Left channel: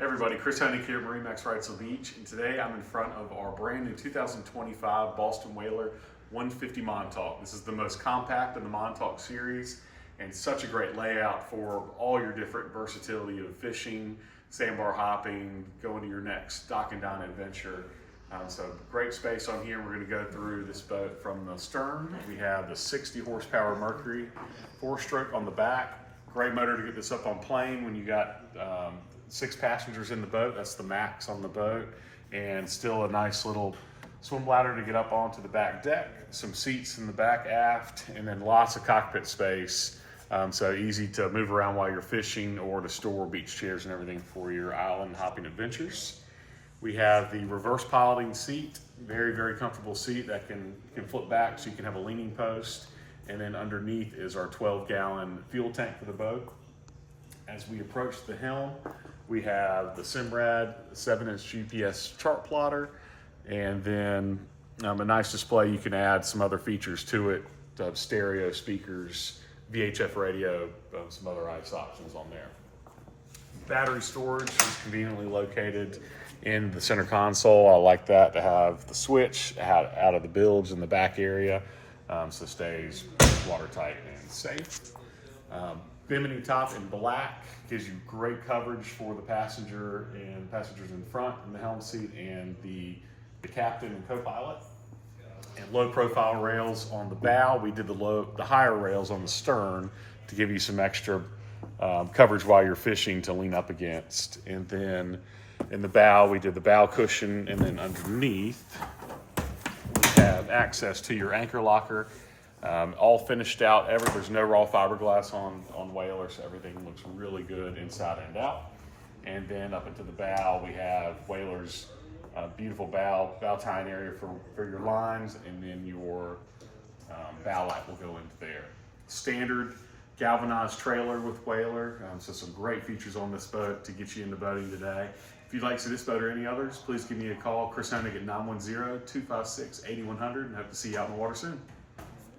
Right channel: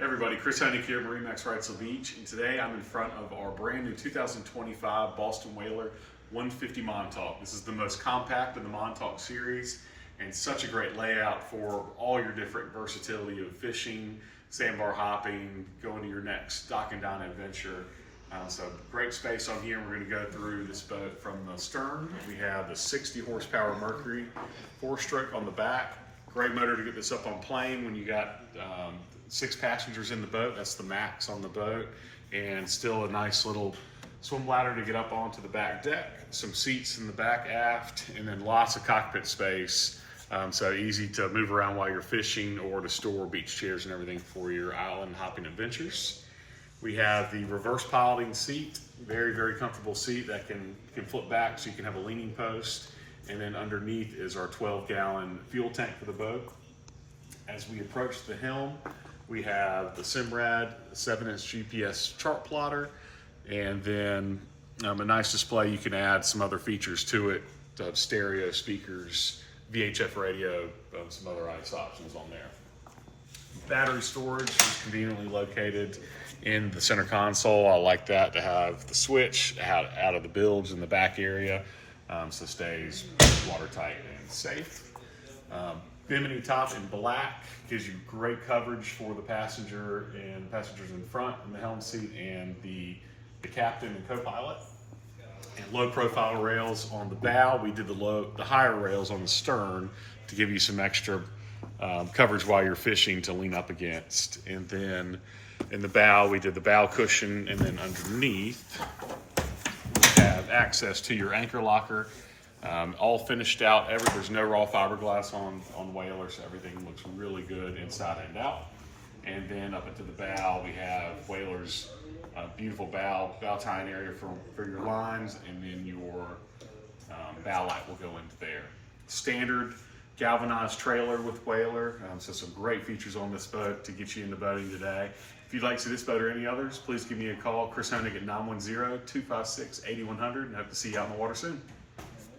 Everybody, Chris Honig here at MarineMax Wrightsville Beach, and today I'm in front of our brand new 2025 Boston Whaler 150 Montauk. This is the most compact in the Montauk series and such a great layout for all your different versatility of fishing, sandbar hopping, going to your next dock and dine adventure. So great space on here. We're going to go through this boat from the stern. We have the 60 horsepower Mercury 4-stroke on the back. Great motor to get this up on plane when you got 6 passengers in the boat. That's the max on the boat, and still a nice little swim ladder to get up onto the back deck. Some seats in the back aft, and then lots of cockpit space. So easy to move around while you're fishing or to store beach chairs and everything for your island hopping adventures. We have the reverse piloting seat, very, very comfortable seat that can flip back so you can have a leaning post. And then underneath is our 12-gallon fuel tank for the boat. As we approach the helm, we have the Simrad 7-inch GPS chart plotter, and then a nice display. You can add some other features to it, stereo speakers, VHF radio, some other ICE options on there. Battery storage is conveniently located in the center console. I like that to have the switch out of the bilge in the back area, so it stays watertight and safe. Bimini top in black gives you great coverage for the passenger and passengers in front in the helm seat and the captain and co-pilot. And low profile rails on the bow. We did the higher rails on the stern to give you some extra coverage while you're fishing to lean up against. And then in the bow, we did the bow cushion, and then underneath we have access to your anchor locker. All finished out. There's no raw fiberglass on Whaler, so everything looks really good inside and out. And then up into the bow, we have Whaler's beautiful bow tying area for your lines, and then your bow light will go into there. Standard galvanized trailer with Whaler, so some great features on this boat to get you into boating today. If you'd like to see this boat or any others, please give me a call, Chris Honig at 910-256-8100, and hope to see you out in the water soon.